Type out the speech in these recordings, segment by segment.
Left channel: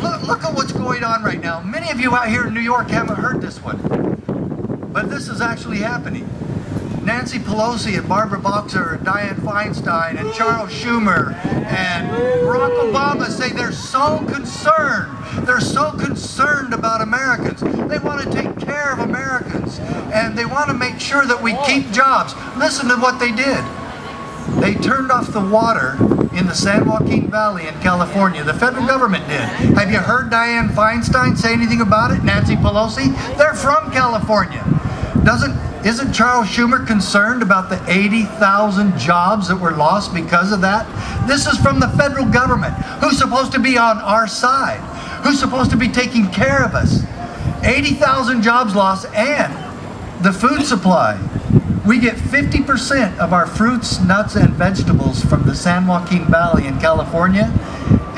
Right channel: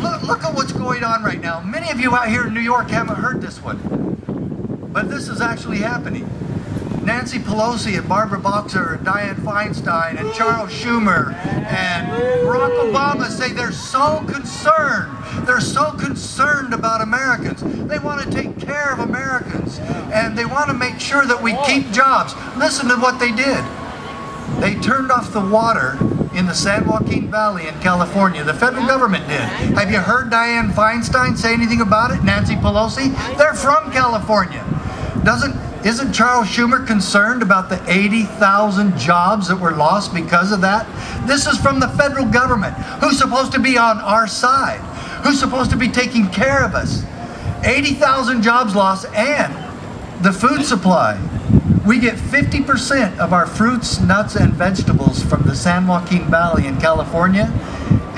Look at what's going on right now. Many of you out here in New York haven't heard this one, but this is actually happening. Nancy Pelosi and Barbara Boxer and Dianne Feinstein and Charles Schumer and Barack Obama say they're so concerned. They're so concerned about Americans. They want to take care of Americans, and they want to make sure that we keep jobs. Listen to what they did. They turned off the water in the San Joaquin Valley in California. The federal government did. Have you heard Dianne Feinstein say anything about it? Nancy Pelosi? They're from California. Isn't Charles Schumer concerned about the 80,000 jobs that were lost because of that? This is from the federal government, who's supposed to be on our side, who's supposed to be taking care of us. 80,000 jobs lost, and the food supply. We get 50% of our fruits, nuts, and vegetables from the San Joaquin Valley in California,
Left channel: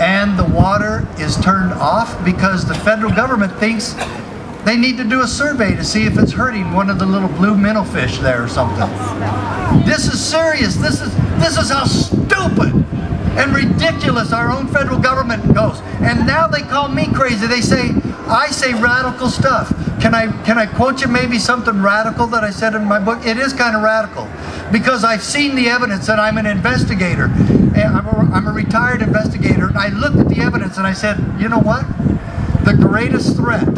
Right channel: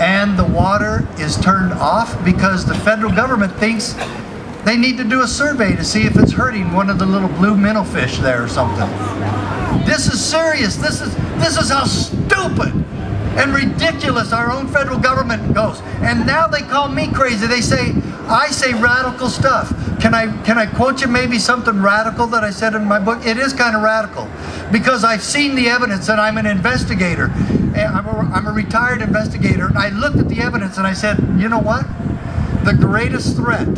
and the water is turned off because the federal government thinks they need to do a survey to see if it's hurting one of the little blue minnow fish there or something. This is serious. This is how stupid and ridiculous our own federal government goes. And now they call me crazy. They say I say radical stuff. Can I quote you maybe something radical that I said in my book? It is kind of radical because I've seen the evidence, and I'm an investigator. I'm a retired investigator, and I looked at the evidence and I said, you know what? The greatest threat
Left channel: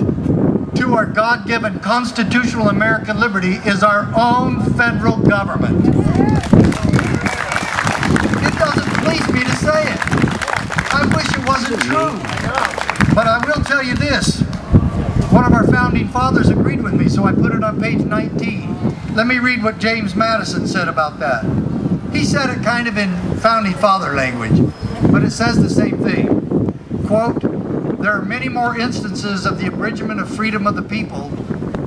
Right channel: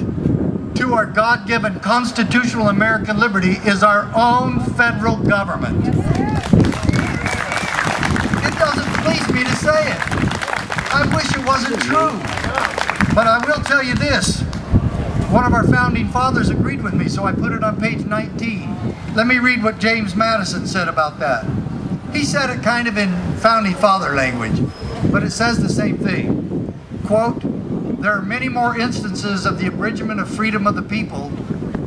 to our God-given constitutional American liberty is our own federal government. It doesn't please me to say it. I wish it wasn't true. But I will tell you this. One of our founding fathers agreed with me, so I put it on page 19. Let me read what James Madison said about that. He said it kind of in founding father language, but it says the same thing. Quote, "There are many more instances of the abridgment of freedom of the people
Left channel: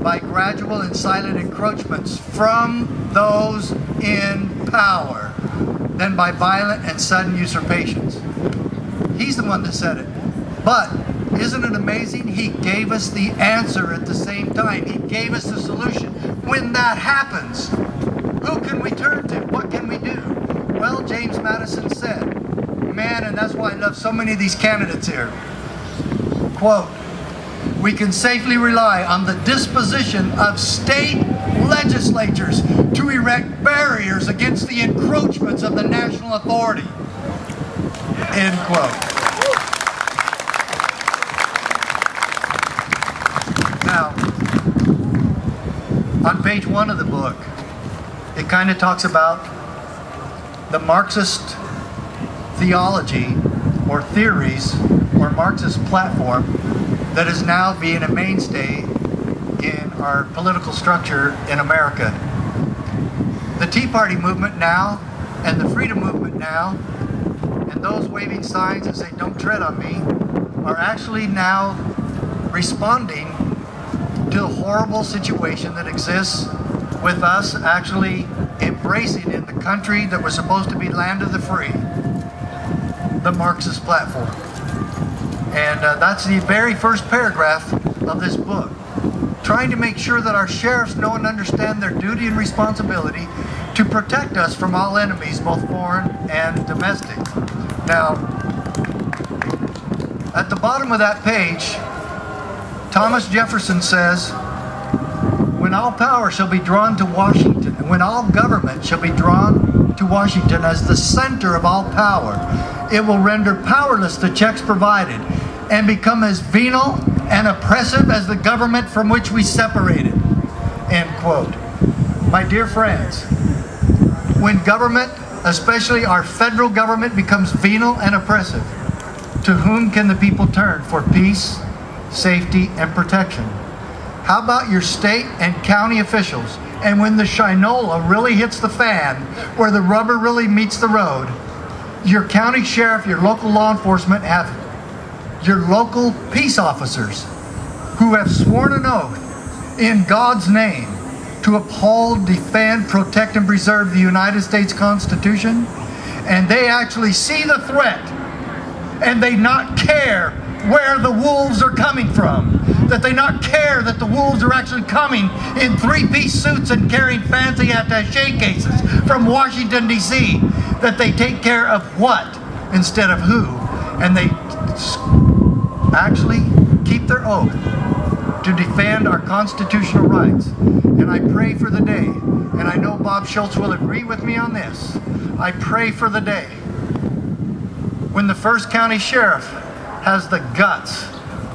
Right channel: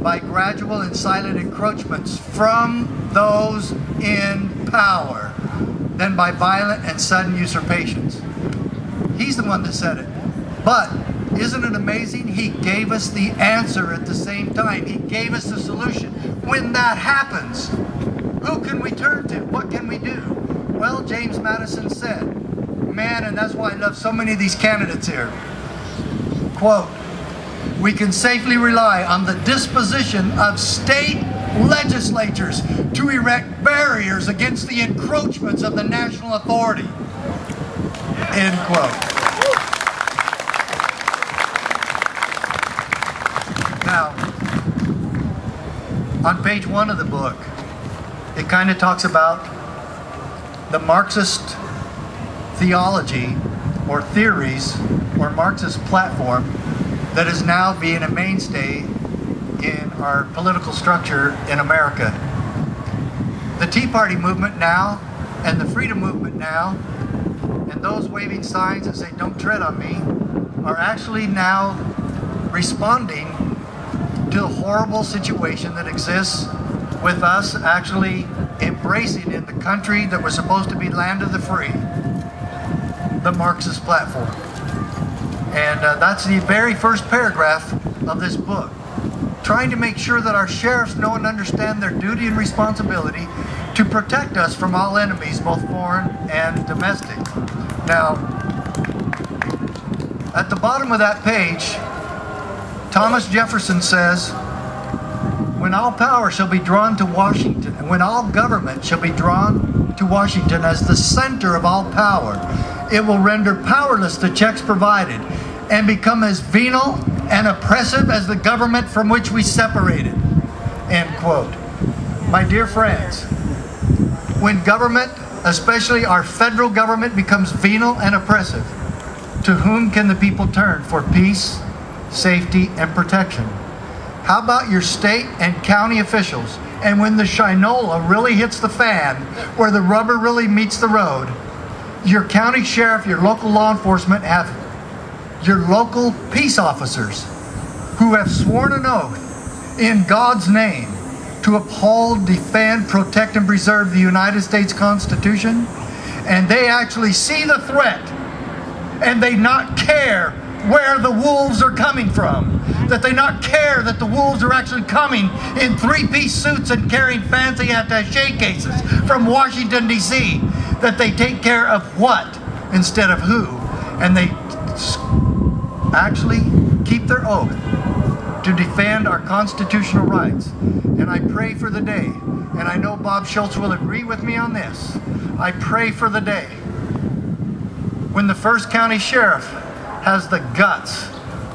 by gradual and silent encroachments from those in power than by violent and sudden usurpations." He's the one that said it. But isn't it amazing? He gave us the answer at the same time. He gave us the solution. When that happens, who can we turn to? What can we do? Well, James Madison said, man, and that's why I love so many of these candidates here. Quote, "We can safely rely on the disposition of state legislatures to erect barriers against the encroachments of the national authority." End quote. Now, on page 1 of the book, it kind of talks about the Marxist theology or theories or Marxist platform that is now being a mainstay in our political structure in America. The Tea Party movement now and the Freedom movement now and those waving signs that say "don't tread on me" are actually now responding to the horrible situation that exists with us actually embracing in the country that was supposed to be land of the free, the Marxist platform. And that's the very first paragraph of this book, trying to make sure that our sheriffs know and understand their duty and responsibility to protect us from all enemies, both foreign and domestic. Now, at the bottom of that page, Thomas Jefferson says, "When all power shall be drawn to Washington, and when all government shall be drawn to Washington as the center of all power, it will render powerless the checks provided and become as venal and oppressive as the government from which we separated." End quote. My dear friends, when government, especially our federal government, becomes venal and oppressive, to whom can the people turn for peace, safety, and protection? How about your state and county officials? And when the shinola really hits the fan, where the rubber really meets the road, your county sheriff, your local law enforcement, have your local peace officers who have sworn an oath in God's name to uphold, defend, protect, and preserve the United States Constitution, and they actually see the threat and they not care where the wolves are coming from, that they not care that the wolves are actually coming in three-piece suits and carrying fancy attaché cases from Washington, D.C., that they take care of what instead of who, and they actually keep their oath to defend our constitutional rights. And I pray for the day, and I know Bob Schultz will agree with me on this, I pray for the day when the first county sheriff has the guts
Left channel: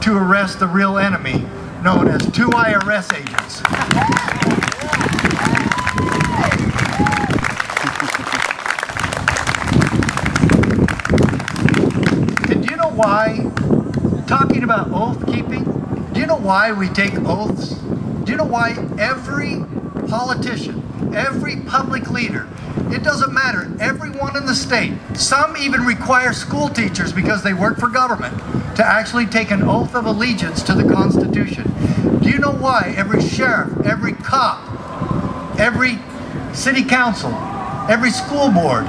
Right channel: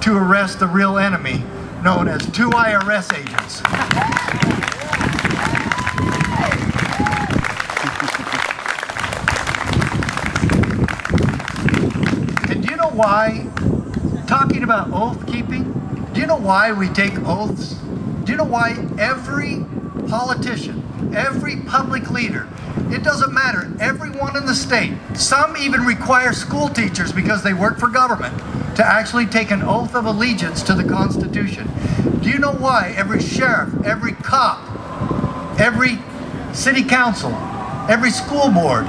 to arrest the real enemy known as 2 IRS agents. And do you know why, talking about oath keeping, do you know why we take oaths? Do you know why every politician, every public leader, it doesn't matter, everyone in the state, some even require school teachers because they work for government to actually take an oath of allegiance to the Constitution. Do you know why every sheriff, every cop, every city council, every school board,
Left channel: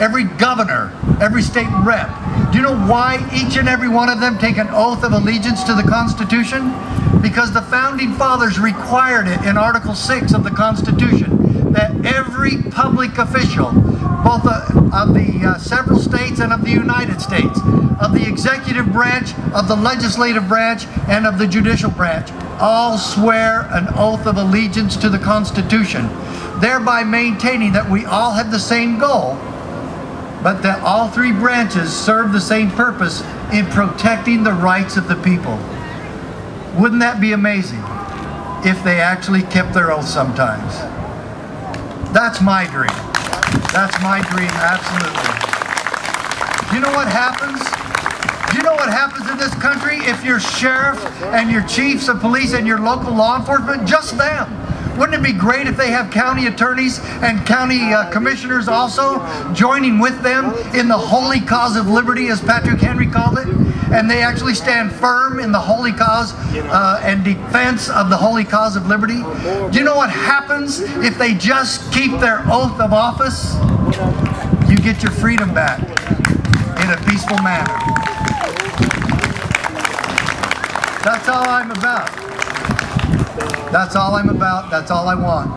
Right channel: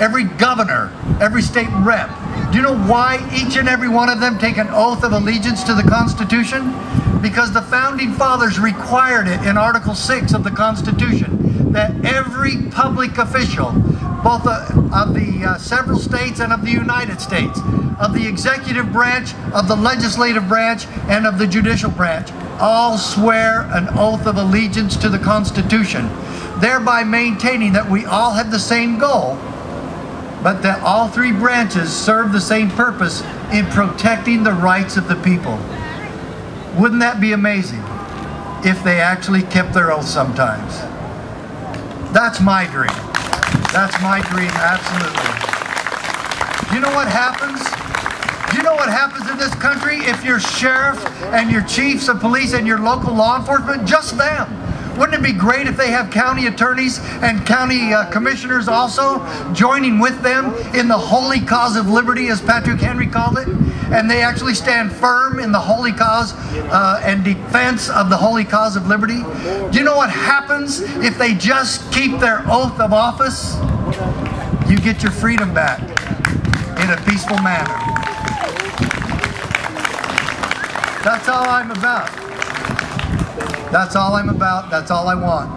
every governor, every state rep, do you know why each and every one of them take an oath of allegiance to the Constitution? Because the Founding Fathers required it in Article 6 of the Constitution, that every public official, both of the several states and of the United States, of the executive branch, of the legislative branch, and of the judicial branch, all swear an oath of allegiance to the Constitution, thereby maintaining that we all have the same goal, but that all three branches serve the same purpose in protecting the rights of the people. Wouldn't that be amazing if they actually kept their oath sometimes? That's my dream. That's my dream, absolutely. Do you know what happens? Do you know what happens in this country if your sheriff and your chiefs of police and your local law enforcement, just them? Wouldn't it be great if they have county attorneys and county commissioners also joining with them in the holy cause of liberty, as Patrick Henry called it? And they actually stand firm in the holy cause and defense of the holy cause of liberty. Do you know what happens if they just keep their oath of office? You get your freedom back in a peaceful manner. That's all I'm about. That's all I'm about. That's all I want.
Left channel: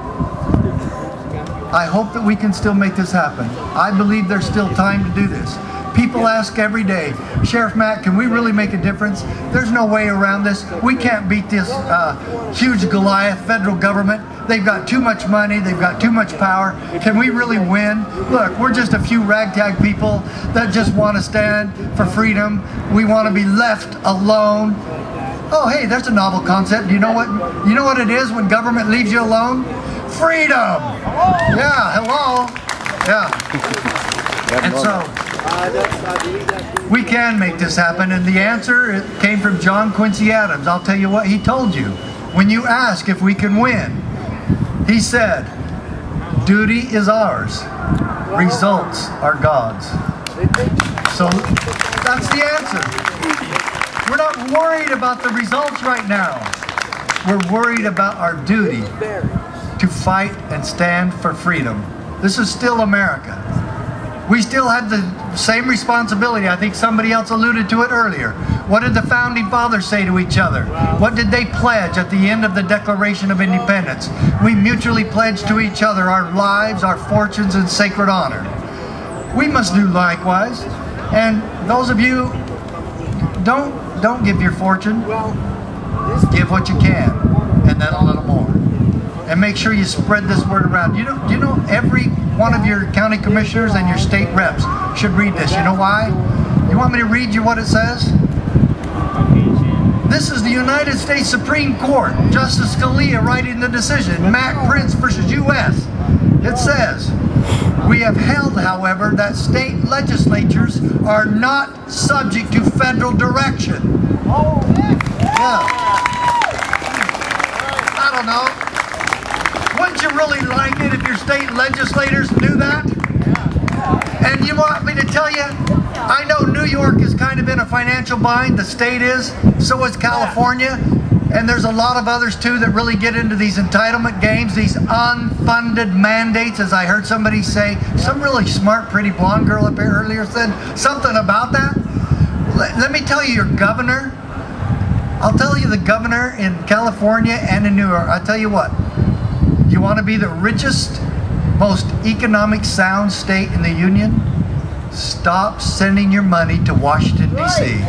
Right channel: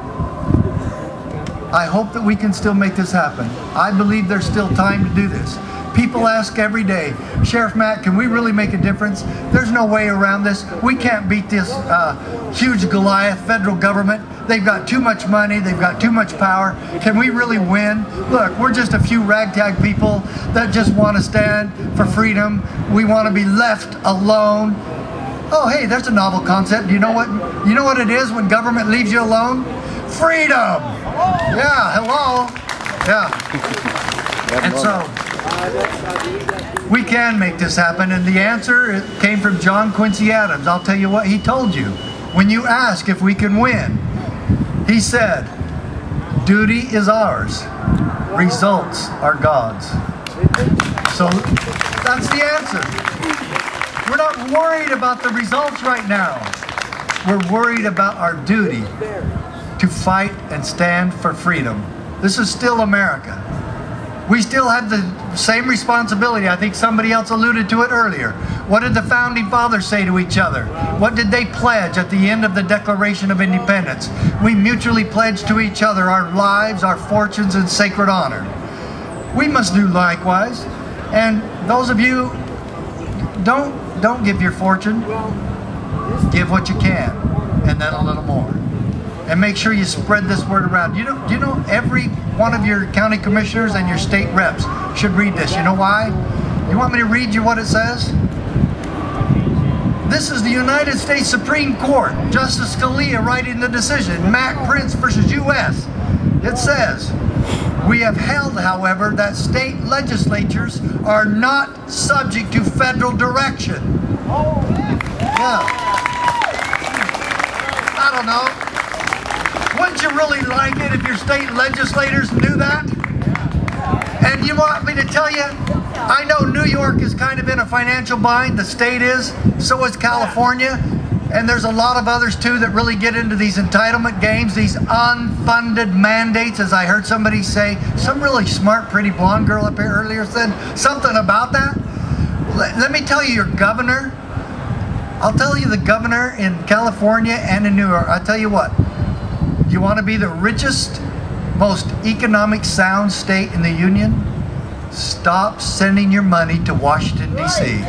I hope that we can still make this happen. I believe there's still time to do this. People ask every day, Sheriff Mack, can we really make a difference? There's no way around this. We can't beat this huge Goliath federal government. They've got too much money. They've got too much power. Can we really win? Look, we're just a few ragtag people that just want to stand for freedom. We want to be left alone. Oh, hey, there's a novel concept. Do you know what? You know what it is when government leaves you alone? Freedom. Yeah, hello. Yeah. And so we can make this happen. And the answer came from John Quincy Adams. I'll tell you what he told you. When you ask if we can win, he said, duty is ours. Results are God's. So that's the answer. We're not worried about the results right now. We're worried about our duty to fight and stand for freedom. This is still America. We still have the same responsibility. I think somebody else alluded to it earlier. What did the Founding Fathers say to each other? What did they pledge at the end of the Declaration of Independence? We mutually pledge to each other our lives, our fortunes, and sacred honor. We must do likewise. And those of you, don't give your fortune. Give what you can, and then a little more. And make sure you spread this word around. Do you know every one of your county commissioners and your state reps should read this. You know why? You want me to read you what it says? This is the United States Supreme Court, Justice Scalia writing the decision, Mack Prince versus U.S. It says, we have held, however, that state legislatures are not subject to federal direction. Yeah. I don't know. Wouldn't you really like it if your state legislators knew that? And you want me to tell you, I know New York is kind of in a financial bind, the state is, so is California, and there's a lot of others too that really get into these entitlement games, these unfunded mandates, as I heard somebody say. Some really smart, pretty blonde girl up here earlier said something about that. Let me tell you, your governor, I'll tell you the governor in California and in New York, I'll tell you what, you want to be the richest, most economic sound state in the union? Stop sending your money to Washington, D.C.